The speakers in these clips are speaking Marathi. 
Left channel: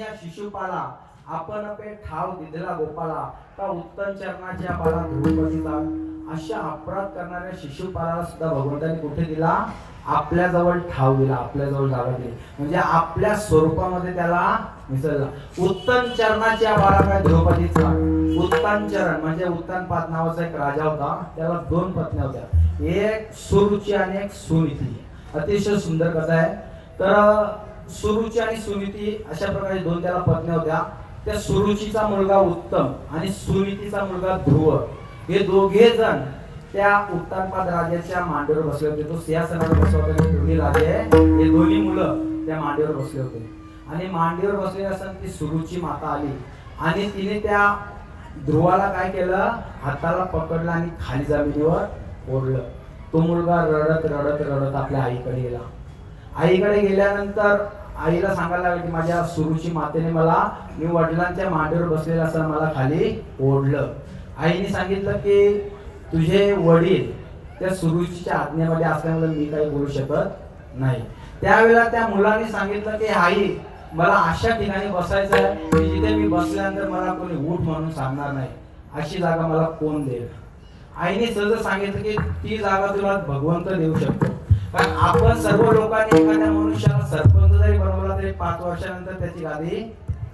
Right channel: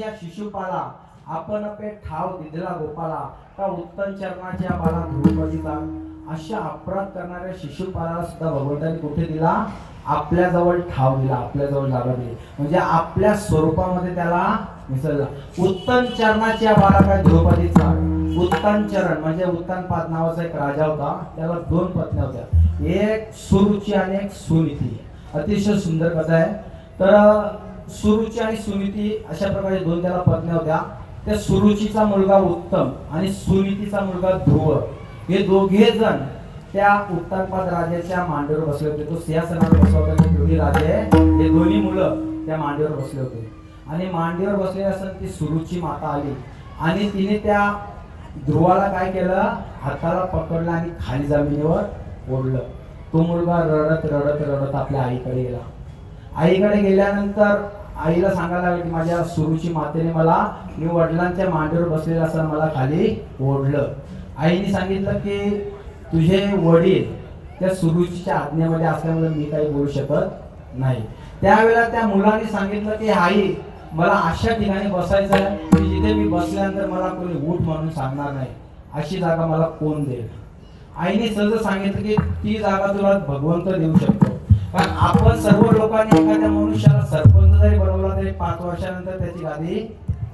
या शिशुपाला आपण पे ठाव दिलेला गोपाला का उत्तम चरणाच्या बाला ध्रुपदीचा अशा अपराध करणाऱ्या शिशुपालाला सुद्धा भगवंताने कुठे दिला? आपल्या जवळ ठाव दिला, आपल्या जवळ जागा दिली, म्हणजे आपल्या स्वरूपामध्ये त्याला मिसळला. उत्तम चरणाच्या बाला काय द्रौपदीचा. उत्तम चरण म्हणजे उत्तानपाद नावाचा एक राजा होता, त्याला 2 पत्नी होत्या, एक सुरुची आणि एक सुनीती. अतिशय सुंदर कथा आहे. तर सुरुची आणि सुनीती अशा प्रकारे 2 त्याला पत्नी होत्या. त्या सुरुचीचा मुलगा उत्तम आणि सुनीतीचा मुलगा ध्रुव हे दोघे जण त्या उत्तानपाद राजाच्या मांडीवर बसले होते. तो सिंहासनावर बसला होता. ते दोन्ही राजे हे दोन्ही मुलं त्या मांडीवर बसले होते आणि मांडीवर बसले असताना ती सुरुची माता आली आणि तिने त्या ध्रुवाला काय केलं? हाताला पकडलं आणि खाली जमिनीवर ओढलं. तो मुलगा रडत रडत रडत आपल्या आईकडे गेला. आईकडे गेल्यानंतर आईला सांगायला लागलं की माझ्या सुरुची मातेने मी वडिलांच्या मांडीवर बसलेला असताना मला खाली ओढलं. आईने सांगितलं की तुझे वडील त्या सुरुचीच्या आज्ञेमध्ये असल्यामुळे मी काही बोलू शकत नाही. त्यावेळेला त्या मुलाने सांगितलं की आई मला अशा ठिकाणी बसायचं आहे की जिथे मी बसल्यानंतर मला कोणी उठ म्हणून सांगणार नाही, अशी जागा मला कोण देईल? आईने सहज सांगितलं की ती जागा तुला भगवंत देऊ शकतो. कारण आपण सर्व लोकांनी एखाद्या मनुष्याला सरपंच जरी बनवला तरी 5 वर्षानंतर त्याची गादी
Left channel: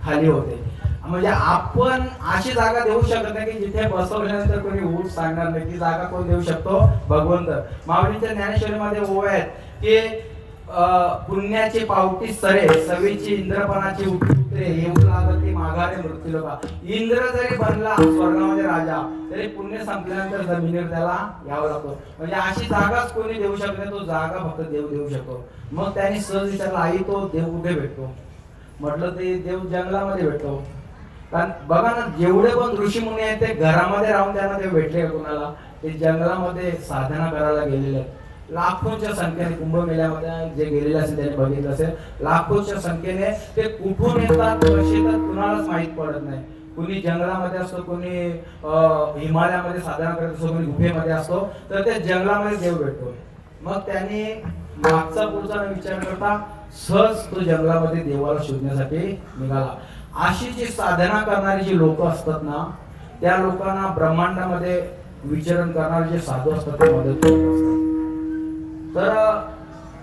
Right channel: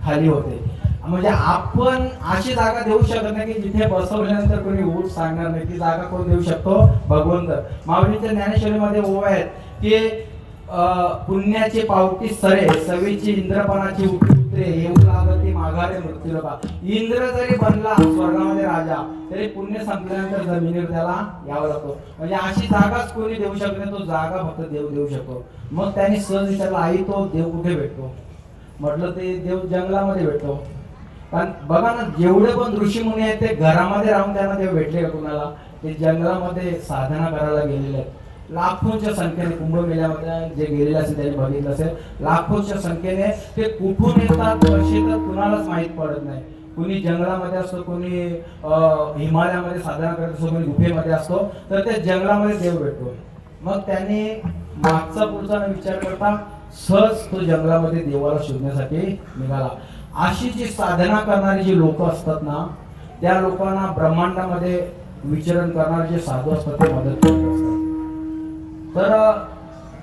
खाली होते. म्हणजे आपण अशी जागा देऊ शकत नाही की जिथे बसवल्यानंतर कोणी उठ सांगणार नाही. ती जागा कोण देऊ शकतो? भगवंत. माऊलींच्या ज्ञानेश्वरीमध्ये ओव्या आहेत की पुण्याची पावटी सरे सवीची इंद्रपणाची उतरे येऊ लागते माघारे मृत्यूलोका. इंद्र जरी बनला स्वर्गामध्ये राजा तरी पुण्य संपल्यानंतर जमिनीवर त्याला यावं लागतं. म्हणजे अशी जागाच कोणी देऊ शकत नाही, तो जागा फक्त देव देऊ शकतो. मग त्यांनी सहज विचारलं आई तो देव कुठे भेटतो? म्हटलं ते देव जंगलामध्ये भेटतो. कारण बघा ना जेवढे पण ऋषी मुनी आहेत ते घरामध्ये राहून त्यांना देव भेटले कुणाला? ते जंगलामध्ये साधना करायला गेलेले आहेत. लाखोच्या संख्येने कुंभमेळ्यामध्ये जे गेलेले असेल त्यांनी बघितलं असेल, लाखोच्या संख्येने ते कुठून येतात कसे तर कुणालाच माहित पडत नाही. कुणी जंगलामध्ये असतो, कुणी हिमालयामध्ये साधना करत असतो, कुणी गुफेमध्ये असतो. तर त्या जंगलामध्ये देव भेटतो. मग त्यांनी मागचा पुढचा विचार करता सहज तो जंगलामध्ये देवाला शोधण्यासाठी निघाला. अशी जी साधना करणारी जी लोक असतात ना, त्या लोकांना ब्रह्मांडामध्ये विचरण करणारे जे साधू असतात ते मदत करत असतात. तर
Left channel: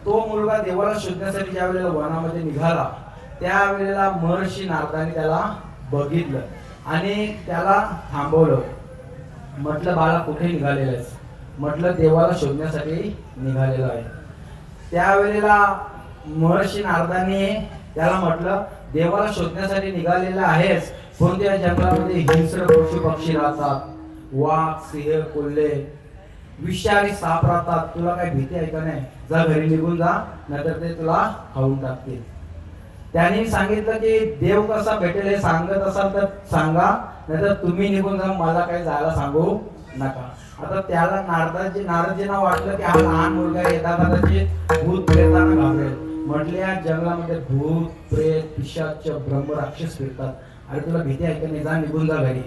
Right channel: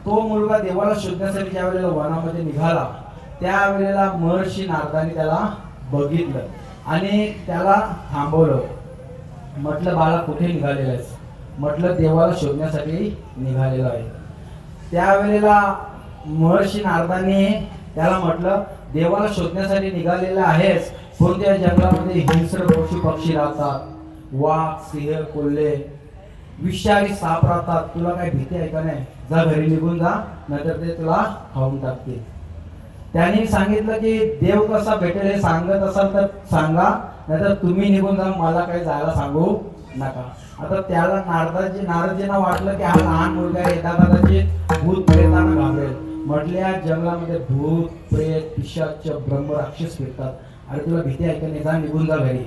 तो मुलगा देवाला शोधण्यासाठी ज्या वेळेला वनामध्ये निघाला त्यावेळेला महर्षी नारदाने त्याला बघितलं आणि त्याला थांबवलं. म्हटलं बाळा कुठे निघालेला आहेस? म्हटलं देवाला शोधण्यासाठी निघालेला आहे. त्यावेळेला महर्षी नारदाने त्याला म्हटलं देवाला शोधण्यासाठी निघालेला आहेस, कोणत्या जंगलामध्ये हिंस्र पशु पक्षी राहतात, वाघ सिंह कोल्हे विषारी साप राहतात, तुला काय भीती आहे का नाही? जा घरी निघून जा, नाहीतर ते तुला खाऊन टाकतील. त्यांनी सांगितलं की देव कसा भेटेल हे सांगत असाल तर सांगा, नाहीतर तुम्ही निघून जा, मला काही जायला सांगू नका. आता त्याला नारदजींना वाटलं की हा लहान मुलगा येता कदाचित भूत प्रेतांना घाबरेल. म्हटले या जंगलामध्ये भूत प्रेत पिशाच ब्रह्म राक्षस फिरतात, अरे तुला भीती आहे का नाही? जा निघून जा घरी.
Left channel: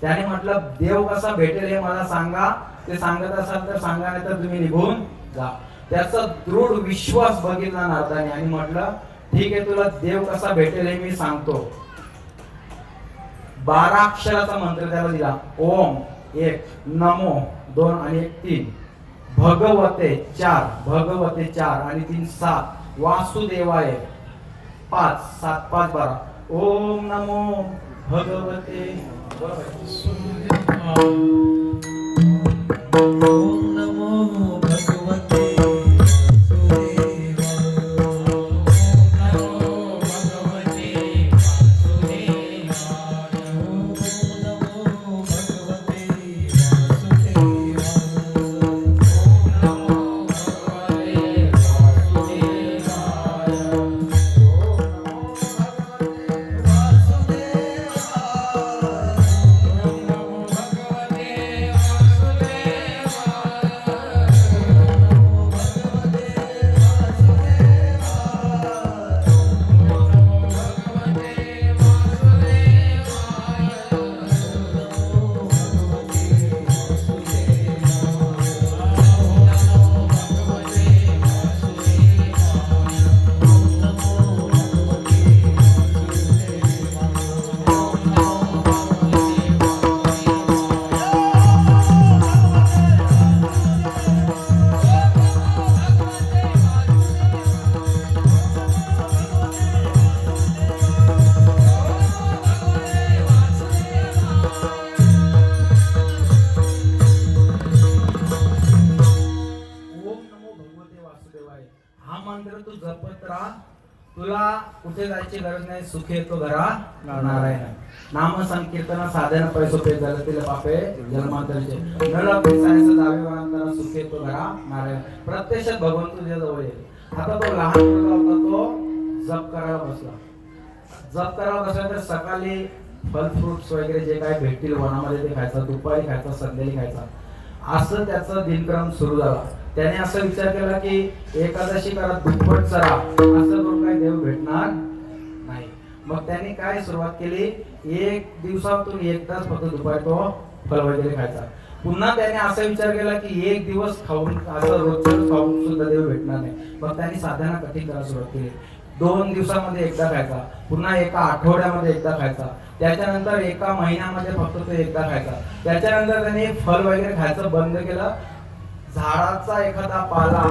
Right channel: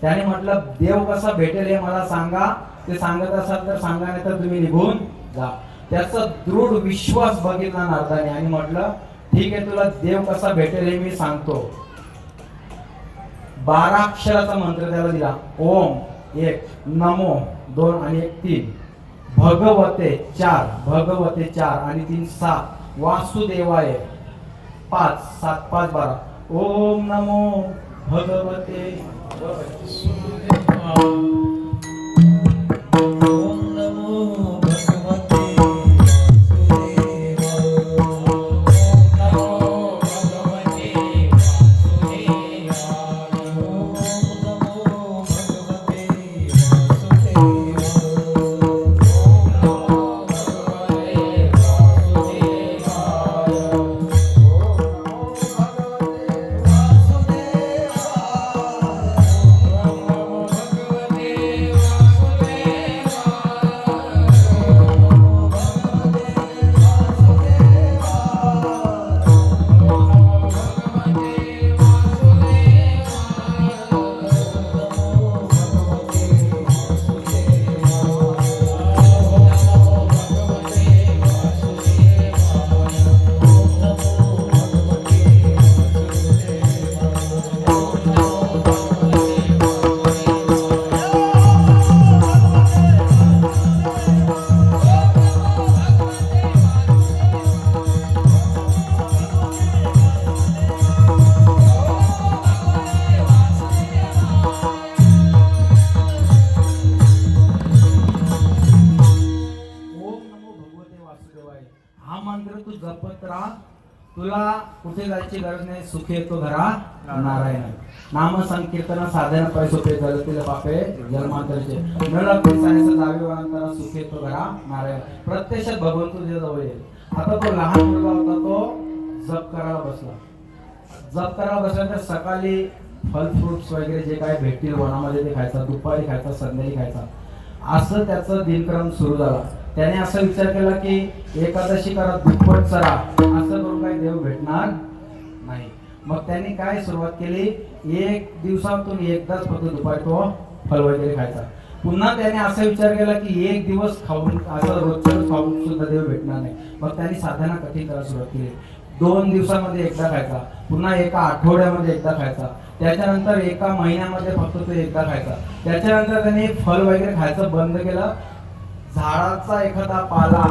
त्याने म्हटलं देव कसा भेटेल हे मला सांगा, ते सांगत असाल तर सांगा, नाही तर तुम्ही निघून जा. त्याचा दृढ विश्वास बघितला नारदाने आणि म्हटलं ठीक आहे, तुला देव कसा भेटेल हे मी सांगतो. 12 अक्षराचा मंत्र त्याला दिला. ओम 1, नमो 2 आणि 1 3, भगवते 4, भगवते 4 आणि 3 7, वासुदेवाय 5 7 5 12. ओम नमो भगवते वासुदेवाय. हा मंत्र तू जपत राहा, तुला कुठे जायची गरज नाही, सुख येतो घरा नारायण. नाम संकीर्तन साधन पैसोपे जलतील पापे जन्मांतरचे नळ पेसायचं जावे वांताना सुख येतो घरा नारायण. प्रत्यक्षात भगवंत तुझ्या जवळ येईल. आता तो लहान मुलगा होता, तो जप करायला बसला. जप करायला बसला तर सकाळी फल फ्रुट्स वगैरे जे काय भेटतील वनामध्ये ते खायचा, दुपारी खायचा, संध्याकाळी खायचा, असं त्याचा दिनक्रम सुरू झाला. त्याने असं विचार केला की एकादशी करा, दुप्पट चरा, असं करून काही देव भेटणार नाही. मग त्याने काय सुरुवात केली, एक दिवसातून एकदाच फक्त दुपारी तो फल वगैरे खायचा. पुन्हा त्याने असा विचार केला की एक दिवस खाऊन, असं रोजच खाऊन सुद्धा देव भेटणार नाही. मग त्याने साधना कठीण करायला सुरुवात केली. 2 दिवसामध्ये एकदा खायचा, पुन्हा एका आठवड्यामध्ये एकदा खायचा, त्याच्यानंतर एका महिन्यामध्ये फक्त तो एकदा खायचा. त्याच्यानंतर त्याने फल वगैरे खायचं बंद केलं. झाडाचा एखादा पाला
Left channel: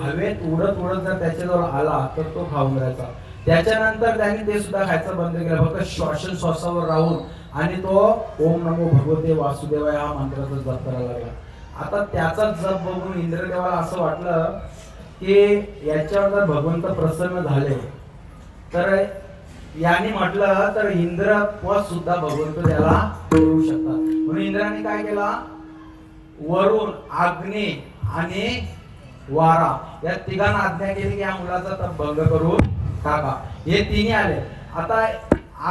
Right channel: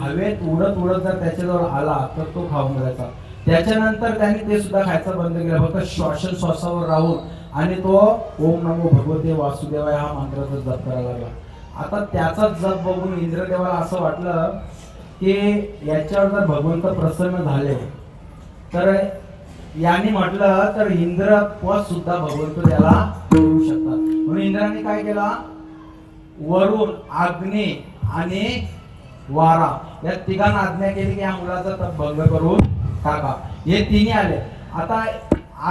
हवेत उडत उडत जर त्याच्याजवळ आला तर तो खाऊन जायचा. त्याच्यानंतर त्याने ते सुद्धा खायचं बंद केलं, फक्त श्वासोच्छ्वासावर राहून, आणि तो ओम नमो भगवते वासुदेवाय हा मंत्राचा जप करायला लागला. आता त्याचा जप बघून इंद्रदेवाला असं वाटलं की याच्यावर जर भगवंत प्रसन्न झाले तर याने म्हटलं तर इंद्र पद सुद्धा भगवंत त्याला देऊ शकतात. म्हणून इंद्राने काय केला, वरून, अग्नी आणि वारा या तिघांना आज्ञा केली की या मुलाचा तप भंग करून टाका. हे तिन्ही आले. आता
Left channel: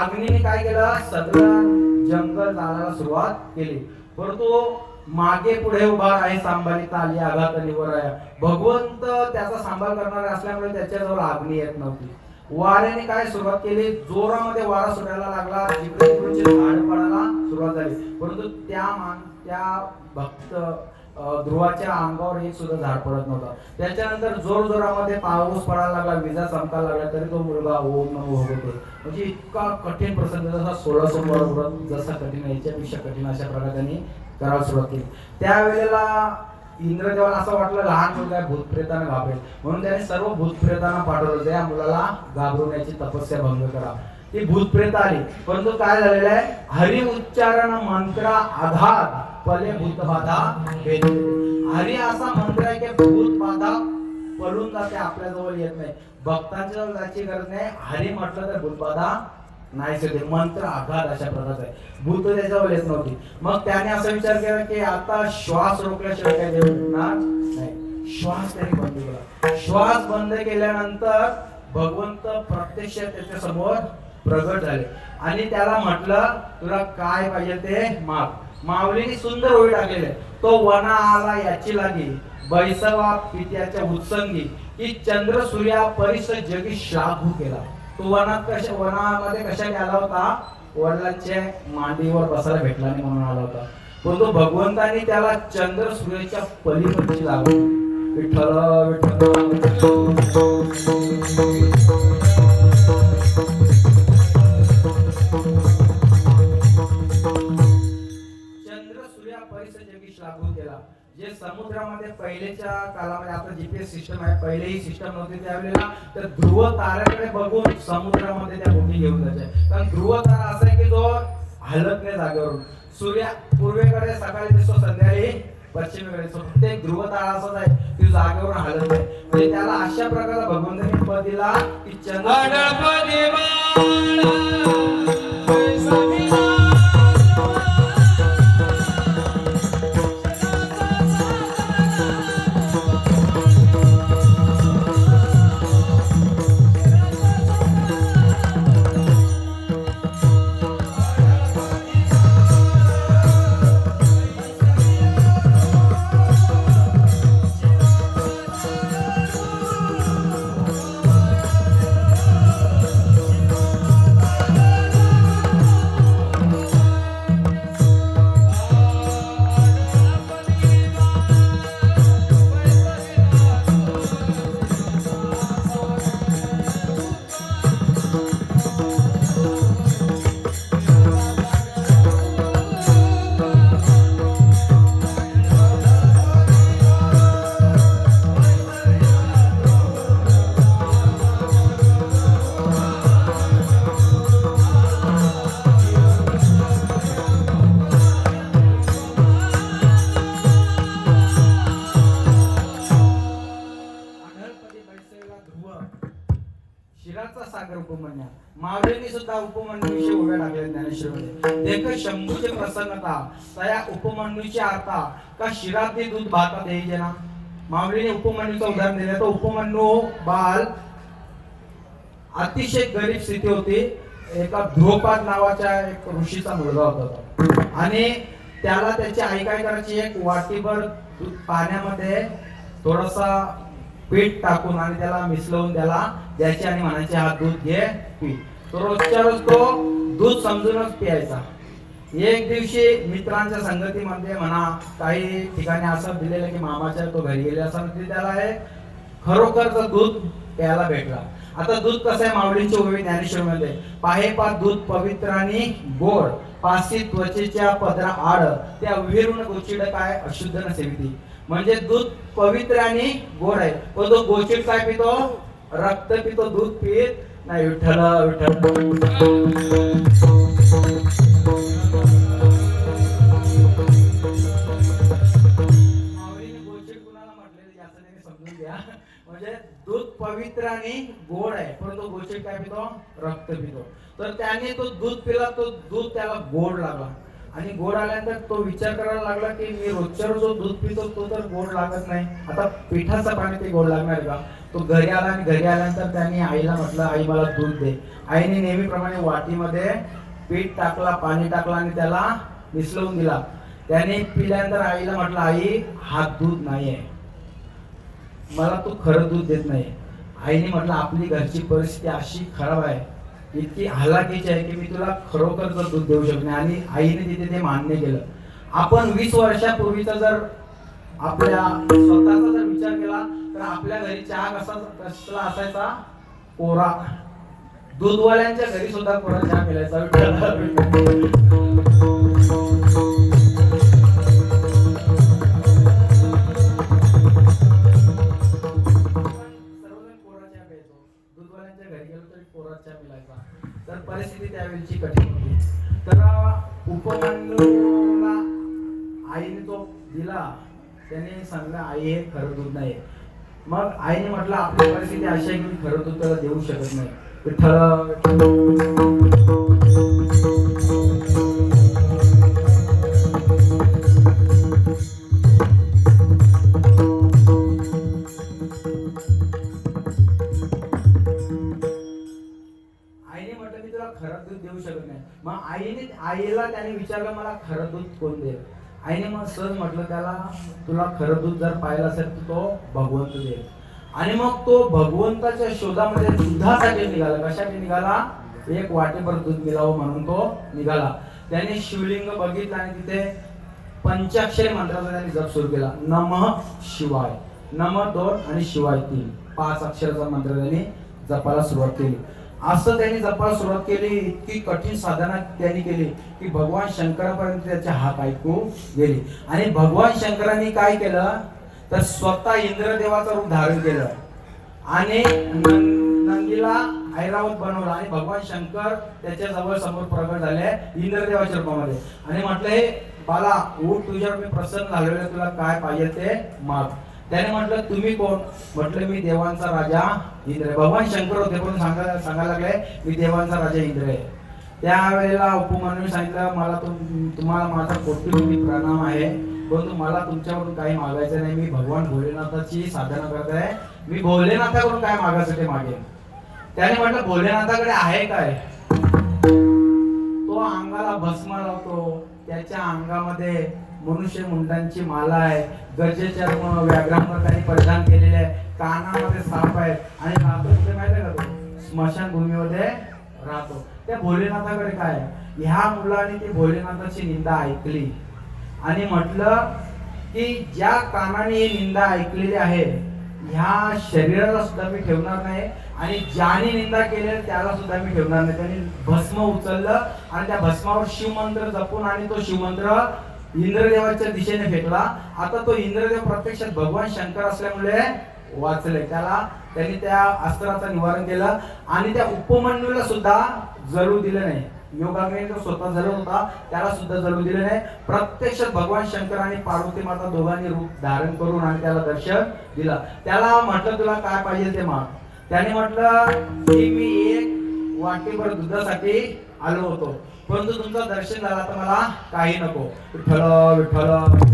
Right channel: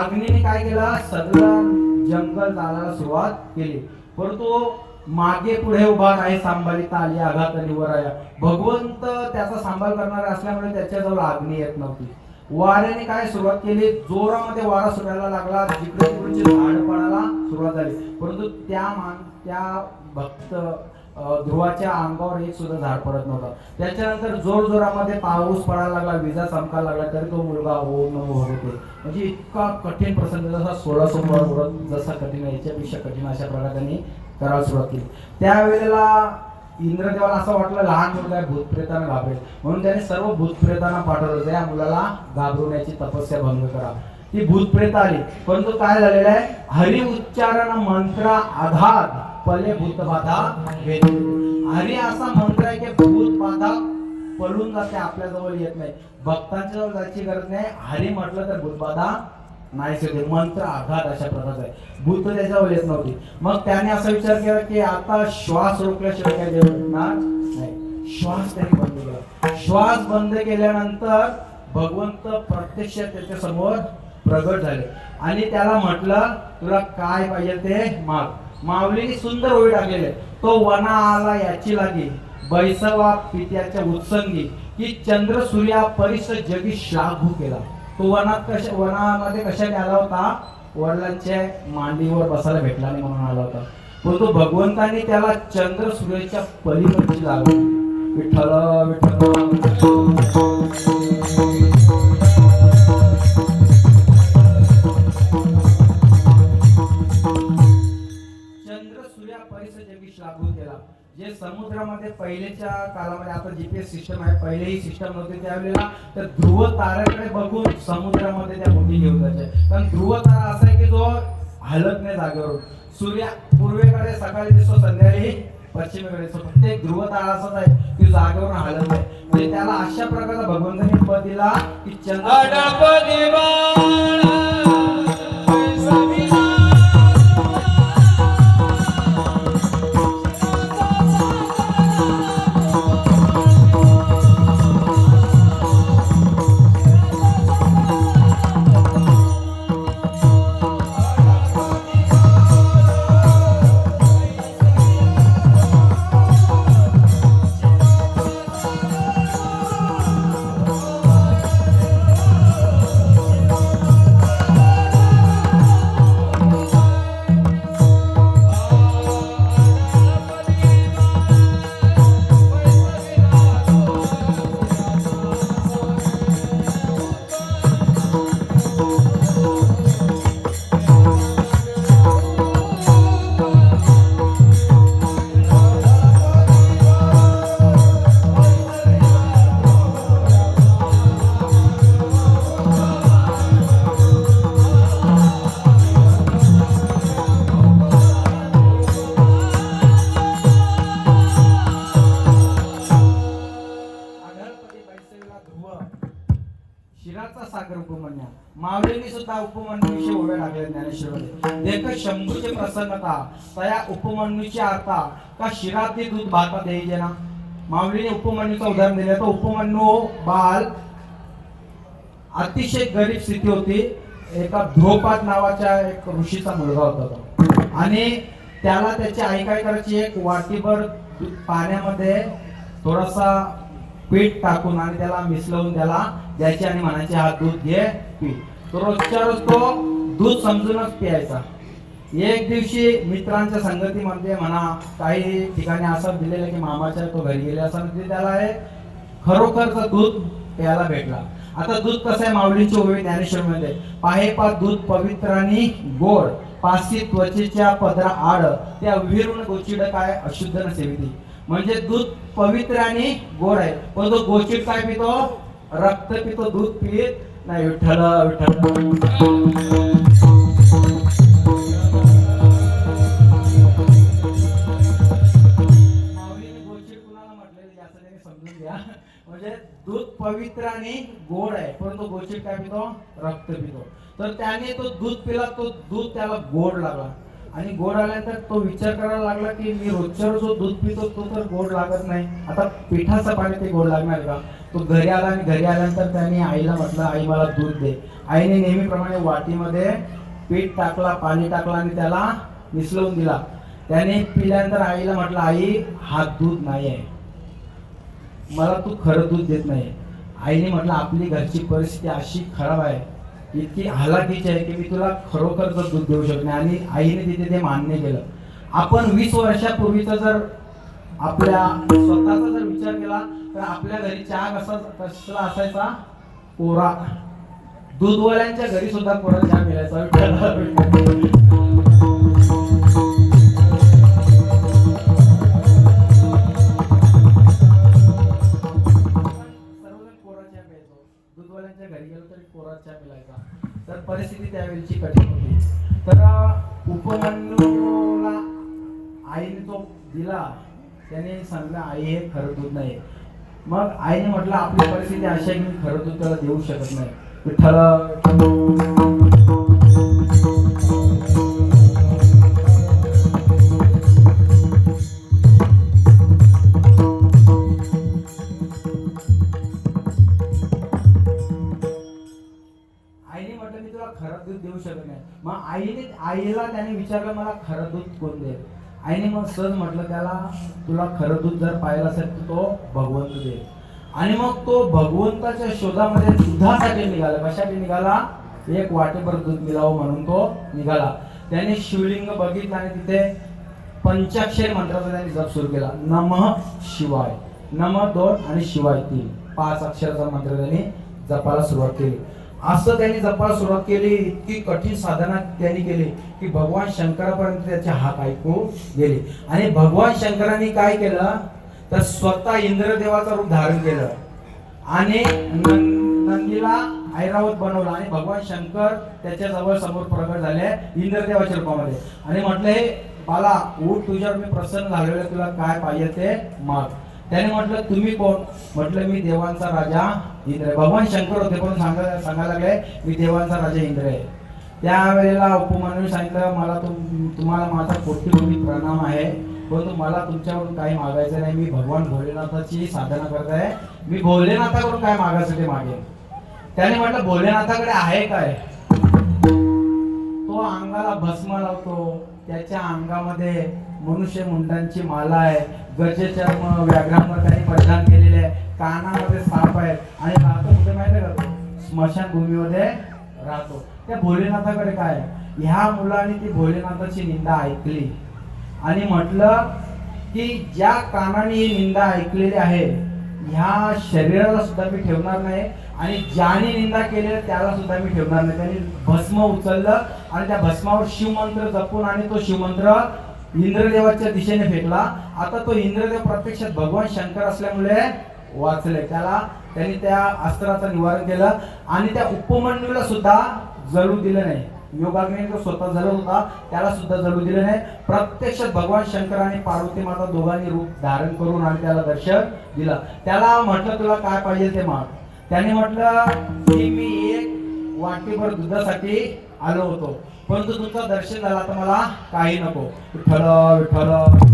अग्नीने काय केलं, सगळं जंगल जाळायला सुरुवात केली. परंतु मागे पुढे उभा आहे सांभाळीता आली आघात निवराया. भगवंत त्याचा सांभाळ करणारे असल्यामुळे त्याच्याजवळ अग्नी येत नव्हती. वाऱ्याने काय सुरुवात केली, जोरामध्ये वारा सुटायला लागला, जिकडे तिकडचे झाड पडायला सुरुवात झाली. परंतु त्या भक्त ध्रुवाच्या अंगावर एक सुद्धा झाड पडत नव्हता. त्याच्यानंतर जोर जोरामध्ये पाऊस पडायला लागला, विजा चमकायला लागला, तरी तो मुलगा ओम नमो भगवते. म्हणजे इतका कठीण प्रसंग, जसा 16 सोमवार व्रत जसा कठीण आहे याच्यापेक्षा कठीण अशा प्रकारे त्यांनी करायला सुरुवात केली. त्यावेळेला इंद्रदेवाला असं वाटलं लहान मुलगा भूतप्रेतांना घाबरेल, म्हणून त्याने सर्व भूतप्रेतांना पाठवलं, त्या मुलाला घाबरवण्याची तपस्या भंग करा. ती भूतप्रेत आली. परंतु काय झालेलं आहे, हरी उच्चारण मंत्र आघात पले भूतबाधा भेद. हरी असा मंत्र आहे की भूतबाधा पळून जाते, आपल्या जवळ येत नाही. भक्तांच्या जवळ जायची गरज नाही. हरी म्हटलं तर भूतबाधा नाही होते. मंत्र आघात अशा प्रकारचा आहे. भूत त्याच्यावर येत नव्हती. मग त्याने असा विचार केला की आता श्वास रोखल्याशिवाय काय देव भेटणार नाही. श्वास त्याने बंद केला. श्वास बंद केल्यानंतर भगवंत प्रत्यक्ष त्याच्या समोर प्रगट झाले आणि त्याला म्हटलं तुला काय पाहिजे ते माग. माऊलीने सुंदर ओळी टाकलेले, तो वना आला याची लागी बैसवा पित्याच्या उत्संगी की चंद्र सूर्या परिस जगी श्लाघू केला. तो वनामध्ये कशाने आला होता, वडिलांच्या मांडीवर बसायला भेटला नाही म्हणून आला होता. तो भगवंताने त्याला चंद्र सूर्याच्या पलीकडची लागली. विठ्ठल विठ्ठल लागू केला. जे समुद्रामध्ये पहिलेच्या काळामध्ये, आता जीपीएस सिस्टम आहे, पहिले ही सिस्टम नव्हती त्यावेळेला, तर ध्रुव ताऱ्याकडे बघून समुद्रामध्ये त्या बोटी घेऊन जायचे. कारण ध्रुव तारा असा आहे की जो हलत नाही जागेवरून. सूर्य पूर्वेकडे सकाळी दिसतो, संध्याकाळी पश्चिमेकडे दिसतो. प्रत्येक ध्रुव तारा असाच आहे की जागेवरून हलत नाही. म्हणजे त्याला अशा प्रकारचा भगवंताने पद दिला की ध्रुव शिराचा सागर उपमन्या मावळीने सुद्धा उपमन्यूविषयी उभ्या टाकल्या ज्ञानेश्वरीमध्ये. देख शंभूची प्रसन्नता तया उपमन्यूची आता का शिरातली दूध भातात यायचे ना. मावळीने उपमन्यूचं उदाहरण दिलं. तो उपमन्यू बाल अतिशय गरीब स्थिती होती. एका ध्रुवपाद नावाच्या एक ऋषीचा मुलगा होता तो. आणि त्याला त्याची आई काय करायची, एक वाटीभर पाण्यामध्ये थोडासा पीठ टाकून आणि त्याला मिसळून त्याला द्यायचे आणि म्हणायचे हा दूध घे पी. तो रोजच्या रोज तो दूध समजूनच पियायचा. एक दिवशी मित्रांच्या संगतीमध्ये म्हणा काही ठिकाणी असं दिलेलं की मामाच्या तो घरी गेले असं म्हणजे त्याला हे खरोखरचं दूध प्यायला भेटला. आता दूध कसं आहे माऊलींची ओवी ज्ञानेश्वरीमध्ये. पाहे पात दूध पवित्र आणि गोड पासी त्वचेच्या पदरा आड त्या विरून गोचिड काय अशुद्ध न सेविती. म्हणजे दूध पवित्र आणि गोड आहे पण तो गोचिड काय पितो, रक्त पितो, दूध पित नाही. विठ्ठल विठ्ठल समजून घ्या. म्हणजे दूध पवित्र आणि गोड आहे परंतु गोचिड काय पितो, रक्त पितो. तर त्याने तो दूध पिला, तो दूध त्याला गोड लागला आणि गोड आल्यानंतर तो विचार करायला लागला की मी रोजच्या रोज दूध पितो तो तर गोड लागत नाही, आता पिठाचं पाणी ते गोड लागणार का. तो घरी आला आणि घरी आल्यानंतर त्याने आईला म्हटलं आई मला दूध दे. आईने नेहमीप्रमाणे वाटीमध्ये पीठ टाकला, पाणी टाकलं आणि त्याला मिसळून दिला. त्याने पिल्यानंतर आईला म्हटलं आई हा दूध नाही आहे, मला तू खरं दूध देत नाही. आईने म्हटलं आपली घरची परिस्थिती अशी खराब आहे, इतकी हलाखीची आहे की मी तुला खरोखरच दूध देऊ शकत नाही. आणि आईने तिथे ते मान्य केलं. आपण 20 वर्षापूर्वीचा जर आपल्या स्वतःचा जर विचार केला तर आपल्या घरी चहा कसला असायचा, कोरा. दूधवाल्यांच्या घरी सुद्धा कोरा चहा मिळायचा. दूधवाल्यांच्या घरी गेलो तरी कोरा चहा मिळायचा. तर परिस्थिती त्यावेळीची कठीण होती. तर उपमन्यूला आईने तो दिला, त्याने सांगितलं आई हे खरं दूध नाही. मग आईने म्हटलं आपली परिस्थिती अशी आहे की खरं दूध त्याला देऊ शकत नाही. विठ्ठल खरं दूध देऊ शकत नाही. मग आईला त्याने विचारलं मला खरं दूध कोण दे. आईने मग सहज म्हटलं त्याला तुला खरं दूध जर पाहिलं असेल तर तो भगवंत दे. आणि मग तो भगवंताच्या शोधामध्ये दुधासाठी निघाला. कशासाठी निघाला, एक वाटेभर दूध मिळावं म्हणून तो निघाला. त्याने शिवलिंग बघितलं आणि तिथे पंचाक्षरी मंत्राचा त्याने जप सुरू केला. नमः शिवाय, नमः 2 आणि शिवाय 3, 5 अक्षराचा मंत्र त्याने जपायला सुरुवात केली. असं त्यांनी जपायला सुरुवात केली. इतकी कठीण साधना त्यांनी केली की भगवान शंकरापर्यंत त्याचे हात ऐकू गेले. आणि भगवान शंकरांनी काय केलं तर स्वतः इंद्रदेवाचं रूप धारण केलं आणि नंदीला ऐरावत बनवलं. आणि भगवान शंकर त्याच्या जवळ समोर प्रकट झाले इंद्रदेवाच्या रूपामध्ये आणि म्हटलं हे बाला उठ, तुझ्यावर मी प्रसन्न झालेलो, तुला काय पाहिजे ते माग. त्याने म्हटलं तुम्ही कोण, म्हटलं मी देवांचा राजा इंद्र आहे. भगवान शंकर होते पण सांगायला लागले मी देवांचा राजा इंद्र आहे. त्यावेळेला उपमन्यूने सांगितलं मला तुम्हाला माझा कोटी प्रणाम आहे परंतु मला तुमच्याकडून काही मागायचं नाही. मी भगवान भोलेनाथाची साधना करत आहे, मी भोलेनाथाकडून काय मागायसाठी मागेन. त्याने म्हटलं भोलेनाथाकडे आहे काय. तो अंगाला भस्म लावतो, त्याच्या अंगामध्ये मनुष्य मुंडांची माला आहे, गजचर्म व्याघ्रांवर त्यांनी परिधान केलेले आहे, कानामध्ये साप आहेत आणि राहतो कुठे माहिती का, स्मशान भूमीमध्ये राहतो. त्या भोलेनाथाकडे काय. ह्या मुलाने ती भोलेनाथाची निंदा ऐकली आणि म्हटलं की ज्या कानाने ही निंदा ऐकलेली आहे ह्या शरीराला सुद्धा मी ठेवणार नाही आणि ज्याने निंदा केली त्याला सुद्धा मी ठेवणार नाही. त्यांनी भस्म उचललं आणि त्या भस्मावर शिवमंत्र जपून आणि तो शिवमंत्र इंद्रदेवाच्या दिशेने फेकला. आता तो इंद्रदेव प्रत्यक्षात भगवान शंकर असल्यामुळे वाचले. त्यांनी त्या अस्त्राचं निवारण केलं आणि त्या उपमन्यूला सुद्धा जळू दिलं नाही. योगाग्नी जो स्वतः जळत होता त्याला सुद्धा जळू दिलं नाही. प्रत्यक्षात भगवान शंकर आणि पार्वती माता दोघांनी रूप धारण करून आणि त्याला दर्शन दिलं. त्याला म्हटलं तुला काय पाहिजे ते माग. त्याने म्हटलं की मी एक वाटीभर दुधासाठी आलो होतो, परंतु तुमचं दर्शन झालं तर मला काही नको. विठ्ठल विठ्ठल.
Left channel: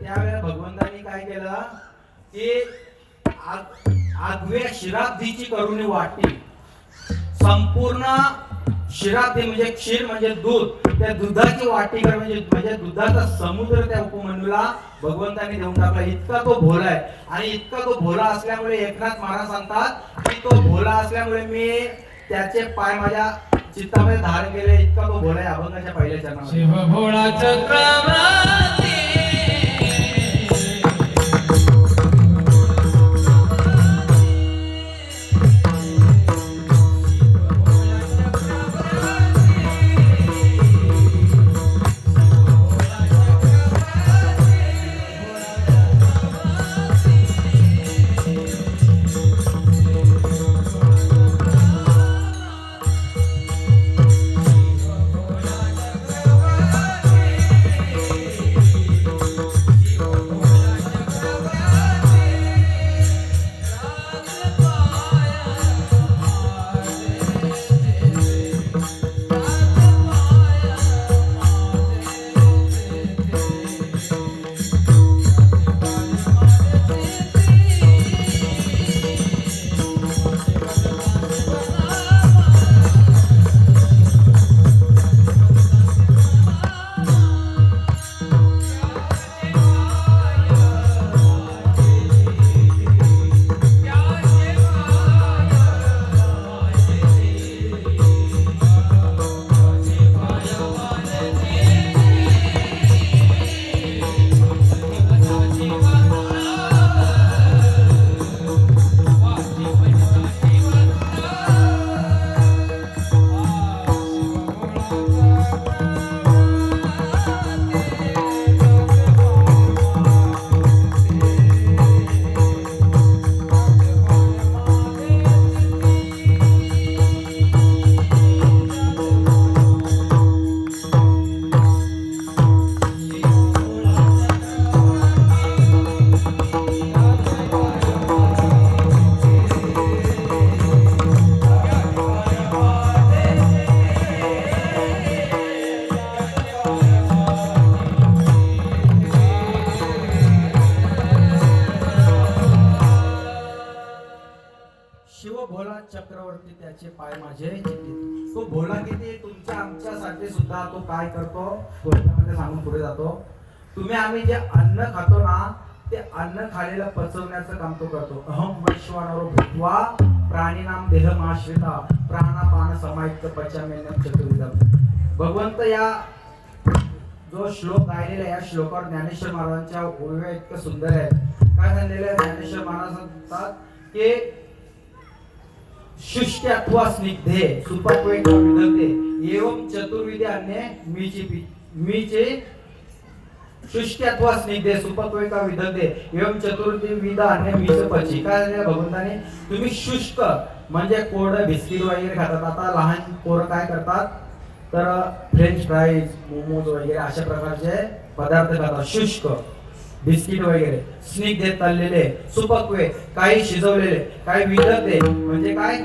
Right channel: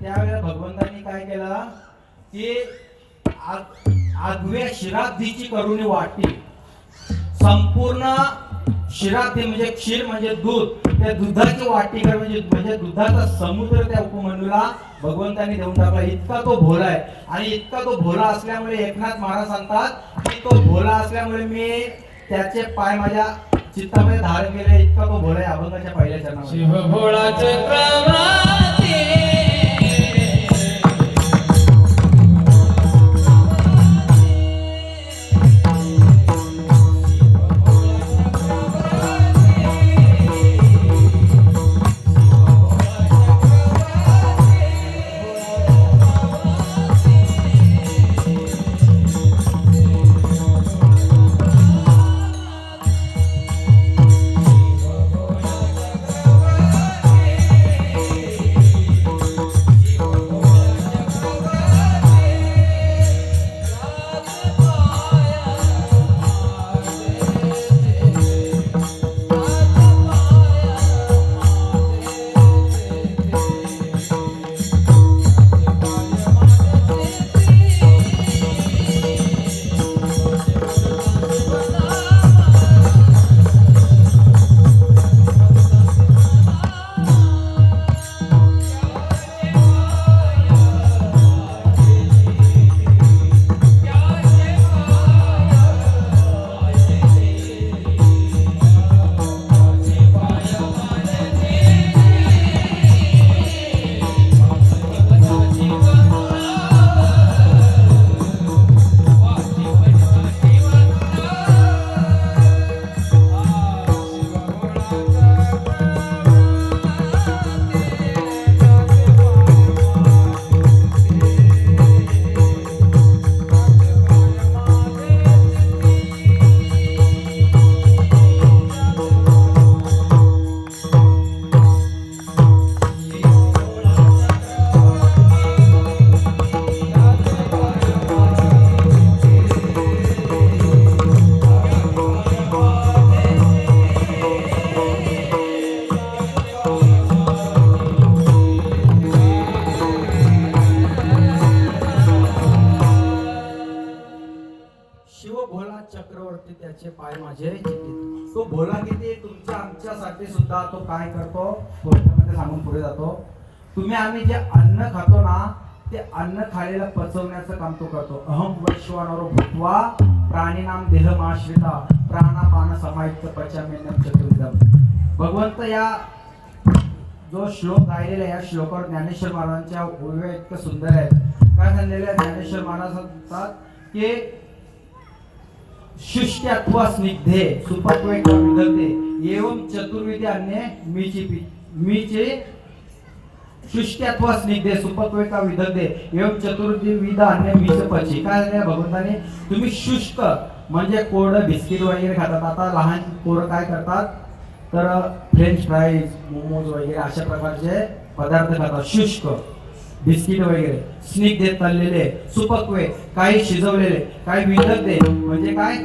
त्यावेळेला भगवंतांनी काय केलं की आगव्या शिराब्धीची करुणी वाटी, संपूर्ण शिराब्धी म्हणजे क्षीर म्हणजे दूध, त्या दुधाची वाटी कर म्हणजे दुधाचा समुद्र त्या उपमन्यूला भगवंतांनी देऊन टाकला. इतका तो भोला आहे आणि इतका तो भोला असल्यामुळे एकनाथ महाराज सांगतात की तो भोला असल्यामुळे मी त्याचे पाय माझ्या चित्तामध्ये धारण केले. इतका तो भोला आहे. अभंगाच्या पहिल्या चरणात शिव भोळा चक्रवर्ती चक्रवर्ती त्याचे पाय माझे चित्तित. तो भोला किती तुमच्या आमच्यासाठी सुद्धा तो काय करतो गोष्टीमध्ये सांगून पुढे जातो. तुम्ही आम्ही जे अन्न खातो ना ते अन्न खालेलं पचवण्याचं काम तो करतो. अहम वैश्वानरो भूत्वा प्राणीनाम देहमाश्रिता प्राणापान समायुक्त पचामेनम चतुर्विधम. भगवंत या जो श्लोक गायलेला या श्लोकावर ज्ञानेश्वर महाराजांच्या ओव्या इतकं सुंदर आहेत. काय सांगितलेलं आहे ज्ञानेश्वर महाराज सांगतात की शुष्ट अथवा स्निग्धे सुपक्वे का विदग्धे एवं चतुर्विधे अन्य मीचे शुष्ट अथवा स्निग्धे सुपक्वे का विदग्धे एवं चतुर्विध अन्य मीच पची. काय झालं भगवंताने तुम्ही शुष्क म्हणजे कोरडं बिस्किट वगैरे खातात. आता लहान पोरं काय करतात तर फ्रेंच फ्राईज मोमोज वगैरे अशा प्रकारचे पदार्थ खातात शुष्क बिस्किट वगैरे. स्निग्धे तळलेले, सुपक्वे काही शिजवलेले, काही विदग्धे म्हणजे काय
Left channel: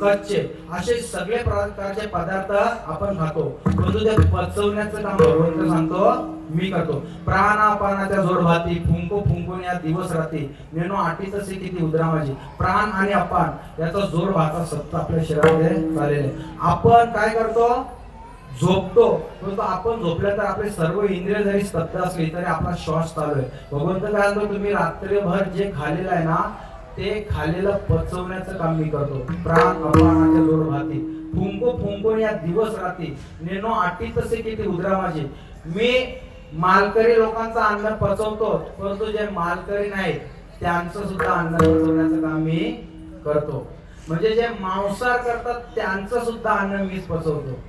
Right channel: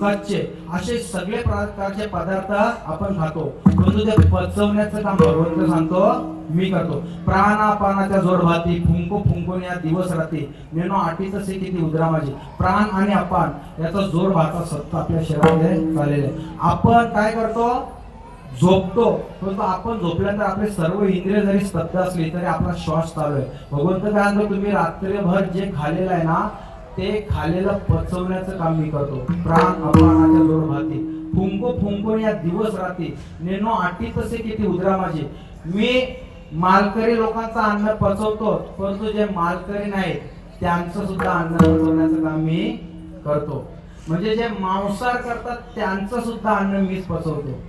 कच्चे, असे सगळे प्रकारचे पदार्थ आपण खातो. परंतु ते पचवण्याचं काम भगवंत सांगतो मी करतो. प्राणापानाच्या जोडभाती फुंको फुंकून या दिवस रात्री नेनो आटी तसे किती उदरा माझी. प्राण आणि अपान याचा जोड भाता सत्ता आपल्या शरीरामध्ये चाललेले. आपण काय करतो झोपतो, परंतु आपण झोपल्यानंतर आपले सर्व इंद्रिय जरी स्तब्ध असली तरी आपला श्वास चालू आहे. भगवंत काय म्हणतो तुम्ही रात्रभर जे खाल्लेलं आहे ना ते खाल्लेलं पचवण्याचं काम मी करतो. प्राण अपानाच्या जोड भाती फुंको फुंकून या दिवस रात्री नेनो आटी तसे किती उदरा माझी. मी मालकरी लोकांचं अन्न पचवतो, परंतु जे मालकरी नाहीत त्यांचं सुद्धा अन्न पचवण्याचं काम मी करतो. म्हणजे जे मांसाहार करतात त्यांचं सुद्धा अन्न मीच पचवतो.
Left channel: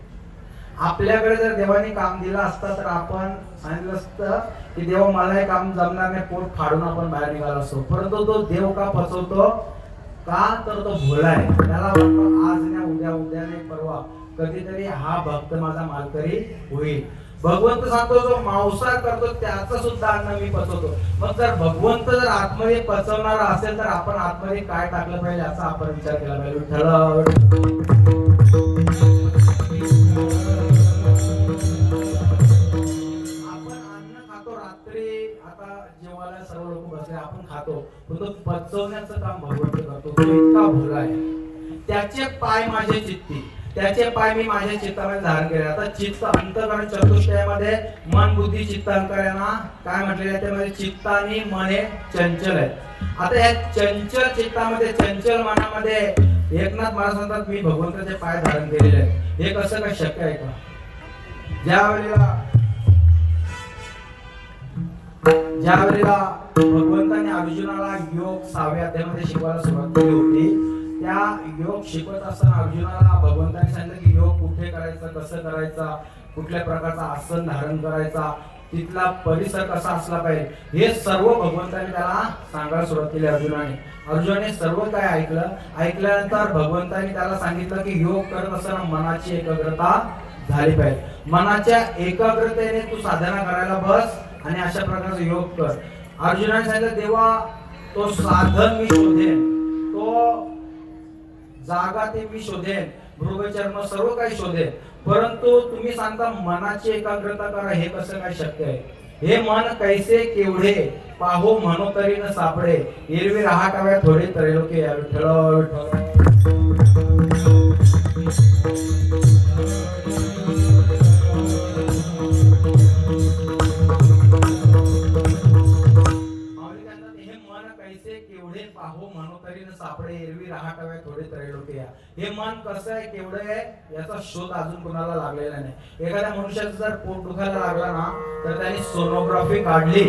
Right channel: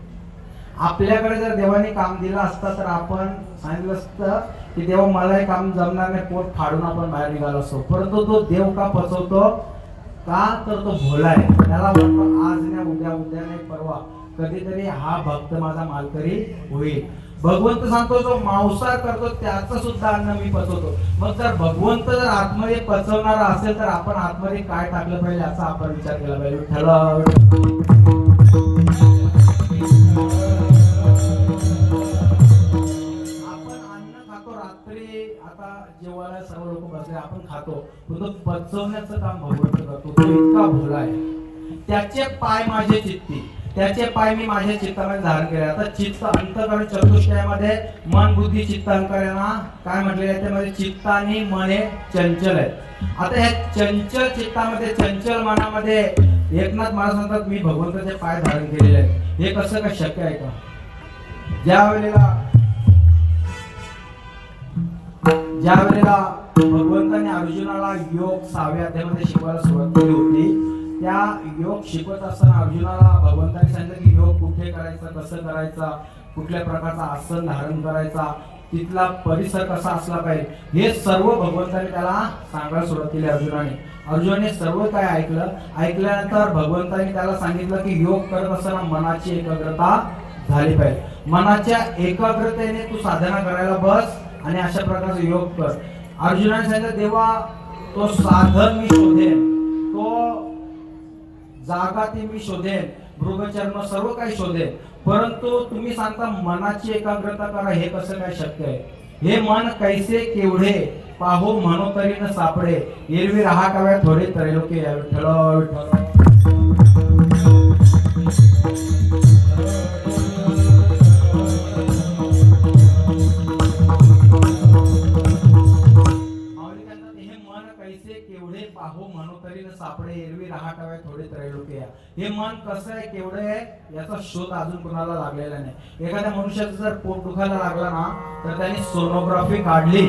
आपल्याकडे जर देवाने काम दिलं असतं तर आपण सांगितलं असतं की देव मला हे काम जमणार नाही, पोट फाडून आपण बाहेर निघालो असतो. परंतु तो देव का पचवतो का तर तो भोला आहे. त्याला वाटतं आज नाही उद्या, उद्या नाही परवा, कधीतरी हा भक्त माझा मालकरी होईल. भगवंत सांगतो जो मांसाहार करतो त्याचं सुद्धा अन्न मी पचवतो. मग जर भगवंत जर आतमध्ये पचवणार असेल तर आपण आतमध्ये काय टाकलं पाहिजे याचा आपण विचार केला पाहिजे. विठ्ठल आपण अन्न खातो रात्री, आता जेवायला सर्व लोक बसले आपण खातो, तो पचवण्याचं काम भगवंत करतो. तो इतका भोला आहे. त्याचे पाय माझे चित्ती, त्याचे पाय मी माझ्या चित्तामध्ये धारण केले. आता चित्त अंतकरण चतुष्टयामध्ये मन बुद्धी चित्त अहंकार यांना काय म्हटलेलं आहे त्यामध्ये चित्त आणि मन हे चंचल आहेत. आता या चंचल चित्तामध्ये चंचल मनामध्ये एकनाथ महाराज म्हणतात मी भगवंताचे पाय धारण केलेले आहेत. हे कसं काय शक्य आहे का? ज्या वेळेला भगवंताने अर्जुनाला योग 6व्या अध्यायामध्ये शिकवायला सुरुवात केली होती, त्या योग शिकवत असताना अर्जुनाला भगवंताने सांगितलं की योग कुठे करायचा, कसं करायचा, कुठल्या प्रकारचा आसन धारण करायचा, तिथला परिसर कसा असला पाहिजे, हे सर्व भगवंताने त्याला सांगायला सुरुवात केली. अर्जुनाने सर्व काय ऐकल्यानंतर भगवंताने त्याला सांगितलं की योग करत असताना मनाची एकाग्रता झाली पाहिजे. मनाच्या एकाग्रतेने तू साधना करायला बस आणि अशा प्रकारचा योग कर. अर्जुनाने सांगितलं देवा तो साधन मी शोधेन, तो जागा ते मी शोधेन, मृगचर्म सर्व काही शोधेन, परंतु तुम्ही सांगता मनाची एकाग्रता करा, हे कसं काय शक्य आहे? हे मन कैसे केवढे पाहो म्हणो तरी न सापडे, एरवी रहाटाव्या थोडे त्रैलोकी या. विठ्ठल विठ्ठल केवढे पाहो म्हणो तरी न सापडे, एरवी रहाटाव्या थोडे त्रैलोक्य. हे मन कसं आहे, केवढे आहे याचा शोध अजून कोणाला लागलेला नाही. एखाद्या मनुष्याचं जर पोट दुखायला लागला ना तर त्याने सोनोग्राफी काढली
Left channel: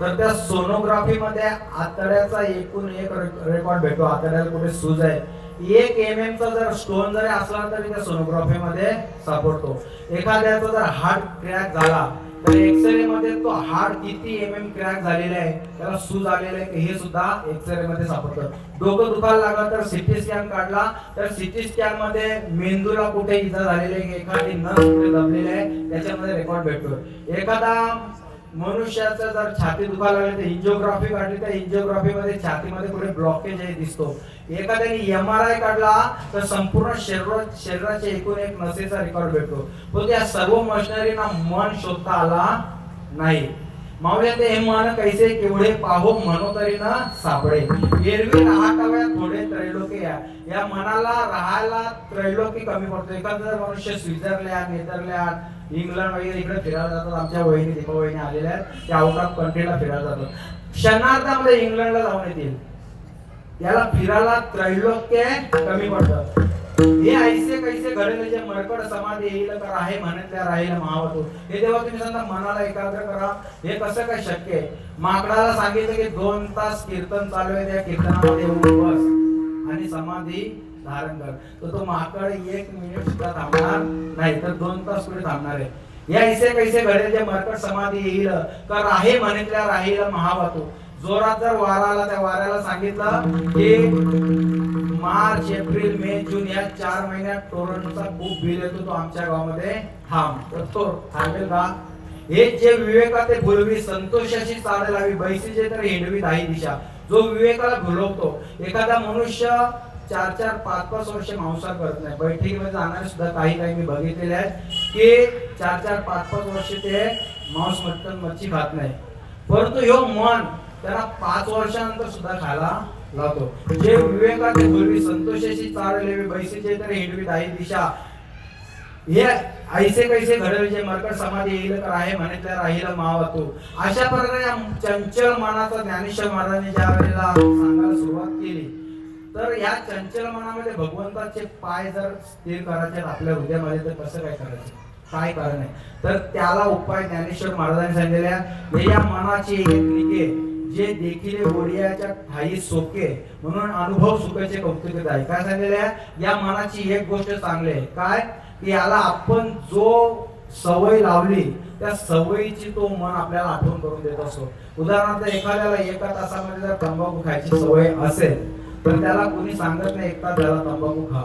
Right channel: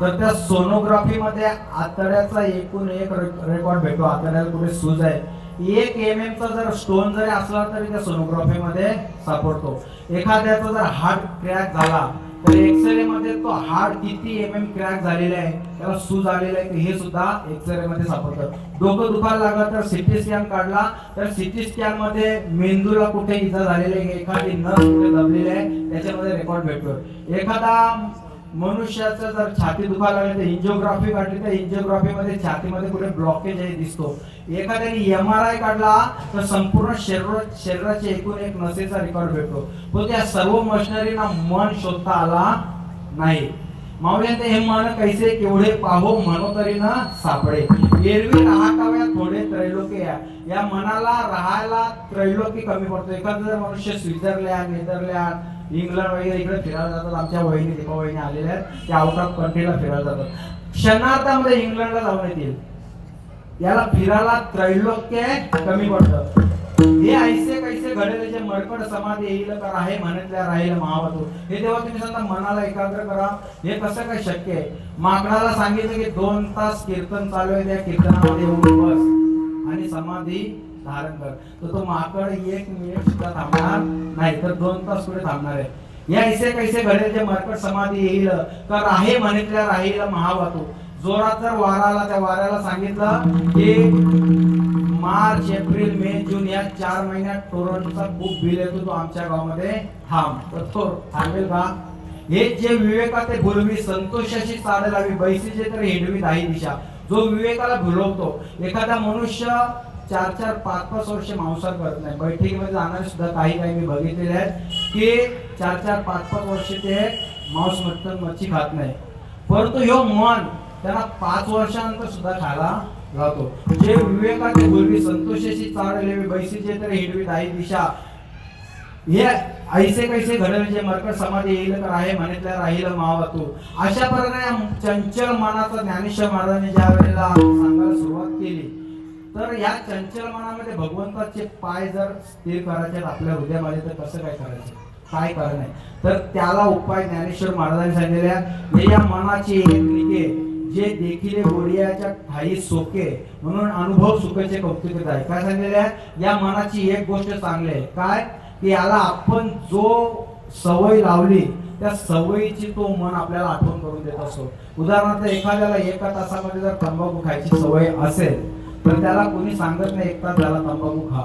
तर त्या सोनोग्राफी मध्ये आतड्याचा एकूण एक रेकॉर्ड भेटतो. आतड्याला कुठे सूज आहे, 1 mm चा जर स्टोन जरी असला तरी त्या सोनोग्राफी मध्ये सापडतो. एखाद्याचा जर हार्ट क्रॅक झाला तर एक्सरे मध्ये तो हार्ट किती क्रॅक झालेला आहे, त्याला सूज आलेला आहे, हे सुद्धा एक्सरे मध्ये सापडतं. डोकं दुखायला लागलं तर सीटी स्कॅन काढला तर सीटी स्कॅन मध्ये मेंदूला कुठे इजा झालेली आहे, एखादी नस कुठे दबलेली आहे त्याच्यामध्ये रेकॉर्ड भेटतो. एखादा मनुष्याचं जर छाती दुखायला लागली तर एंजिओग्राफी काढली तर एंजिओग्राफी मध्ये छातीमध्ये कुठे ब्लॉकेज आहे दिसतो. एखाद्याने MRI काढला तर संपूर्ण शरीराचे एकूण एक नसेचा रेकॉर्ड भेटतो. तो त्या सर्व मशिनरीना मन शोधता आला नाही. माऊली ते हे मन कैसे केवढे पाहो म्हणो तरी न सापडे, एरवी रहाटाव्या थोडे त्रैलोकी या. या मनाला राहायला त्रैलोकी कमी पडतो. एखादा जर मनुष्य स्वित्झर्लंड, नेदरलँड, इंग्लंड वगैरे इकडे फिरायला जातात. आमच्या वहिनी दीपा वहिनी आलेल्या आहेत, त्या आउट ऑफ कंट्रीला फिरायला जातात. क्षणार्धामध्ये इंग्लंडला जाऊन येतील. याला फिरायला त्रैलोक्य कमी पडतं. हे ऐसे कैसे घडेल जे मरकड समाधी येईल का राहे म्हणतल्या राहील महावतू. हे देवा तुम्ही सांगता मनाला एकाग्र करा, हे कसं काय शक्य आहे? माकडाला सांगितलं की 2 तास कीर्तन चालू आहे, त्या कीर्तनामध्ये येऊन बस आणि समाधी धारण कर, तर तो माकड 1 मिनिट सुद्धा थांबणार नाही, तर 2 तास पुढे थांबणार आहे. या ऐसे कैसे घडेल जे मरकड समाधी येईल का राहे म्हणतल्या राहील महावतू. जोरात जर वारा आला त्या वाऱ्याला सांगितलं की मार्च, एप्रिल, मे, जून या 4 महिन्यात टोरंटोचा खूप बिल येतो, तो आमच्या गावामध्ये थांब, तर तो थांबेल का? हे जे विवेकाते भुलवी संतोषाशी चाल लावी, बैसीचे तर हिंडवी दाही दिशा. जो विवेकाला भुलवतो, एखादा मनुष्य 4-4, 5-5 वर्ष मांसाहार करत नाही. बैठकीमध्ये जाणारे सुद्धा काही मी बघितलेले आहेत की 4-4, 5-5 वर्ष ते मांस मटण मच्छी खात नाही, परंतु ह्यो मन त्याला 5 वर्षानंतर सुद्धा खायला लावतो. जे विवेकाते भुलवी संतोषाशी चाल लावी, बैसीचे तर हिंडवी दाही दिशा. हे ऐसे कैसे घडेल जे मरकट समाधी येईल का राहे म्हणतल्या राहील महावतू. अशा प्रकारे चंचल मनाचा ज्ञानेश्वर महाराजांनी ज्या वेळेला सांगायला सुरुवात केली तर या चंचल मनामध्ये भगवंताचे पाय जर स्थिर करायचे आपल्या हृदयामध्ये तर कसं काय करायचं, काय कारण आहे? तर त्याला उपाय ज्ञानेश्वर महाराजांनी सांगितलेल्या हे या मनाची एक निके जे देखील गोडियाच्या ठाई सोके म्हणून अनुभव सुखाचे कौतुक आहे. काय सांगितलेल्या या मनाची एक गोष्ट चांगली आहे, काय की याला आपण जो सवय लावली त्या सवयीची तो मन आपल्याला आठवण करून देत असतो. उदाहरणार्थ एखाद्याला 1 तासामध्ये जर तंबाखू खायची सवय असेल तर त्याला कोणी सांगत नाही एकटा त्याला तंबाखू खा,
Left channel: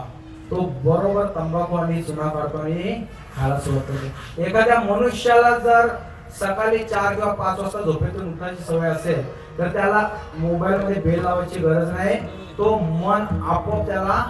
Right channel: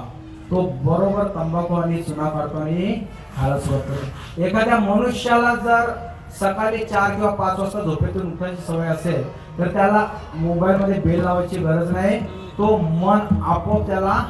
तो बरोबर तंबाखू आणि चुना काढतो आणि खायला सुरुवात करतो. एखाद्या मनुष्याला जर सकाळी 4 किंवा 5 वाजता झोपेतून उठायची सवय असेल तर त्याला मोबाईल मध्ये बेल लावायची गरज नाही, तो मन आपोआप त्याला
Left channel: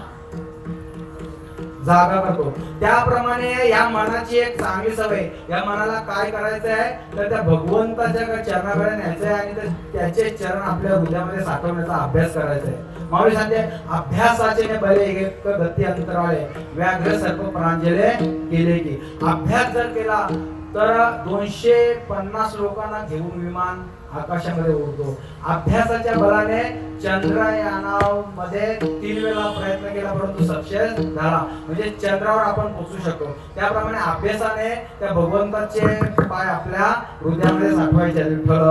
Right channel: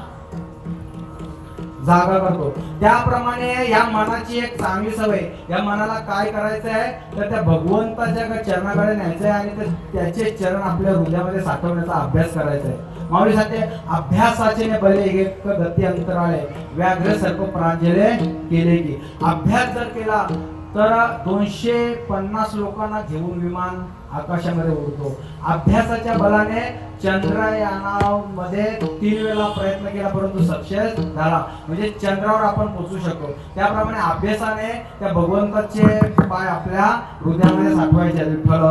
जागा करतो. त्याप्रमाणे या मनाची एक चांगली सवय, या मनाला काय करायचं आहे तर त्या भगवंताच्या चरणाकडे न्यायचं आहे आणि त्याचे चरण आपल्या हृदयामध्ये साठवण्याचा अभ्यास करायचा आहे. माऊली सांगते अभ्यासाचे ने बले एक गती अंतराळे व्याघ्र सर्प प्रांजले केले की. अभ्यास जर केला तर 250 लोकांना घेऊन विमान आकाशामध्ये उडतो. अभ्यासाच्या बलाने चंद्रयानामध्ये 3 वेळा प्रयत्न केला परंतु सक्सेस झाला, म्हणजे चंद्रावर आपण पोहोचू शकतो. त्याप्रमाणे अभ्यासाने त्या भगवंताचे पाय आपल्या हृदयामध्ये साठवायचे. विठ्ठल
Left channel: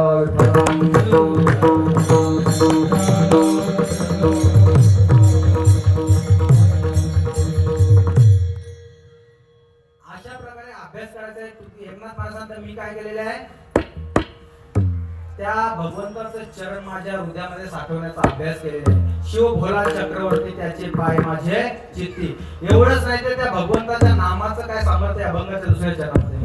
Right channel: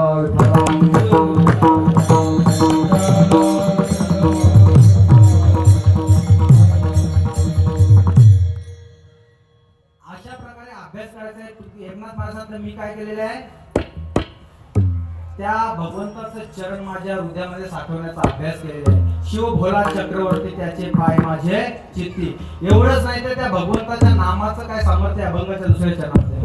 अशा प्रकारे अभ्यास करायचा आहे. एकनाथ महाराजांचं मी काय केलेलं आहे, त्या भगवंताचं चरण माझ्या हृदयामध्ये साठवण्याचा अभ्यास केलेला आहे. शिव भोला चक्रवर्ती त्याचे पाय माझे चित्ती. एवढंच नाही तर त्या भगवंताच्या नामाचं काय सामर्थ्य अभंगाच्या दुसऱ्या चरणामध्ये.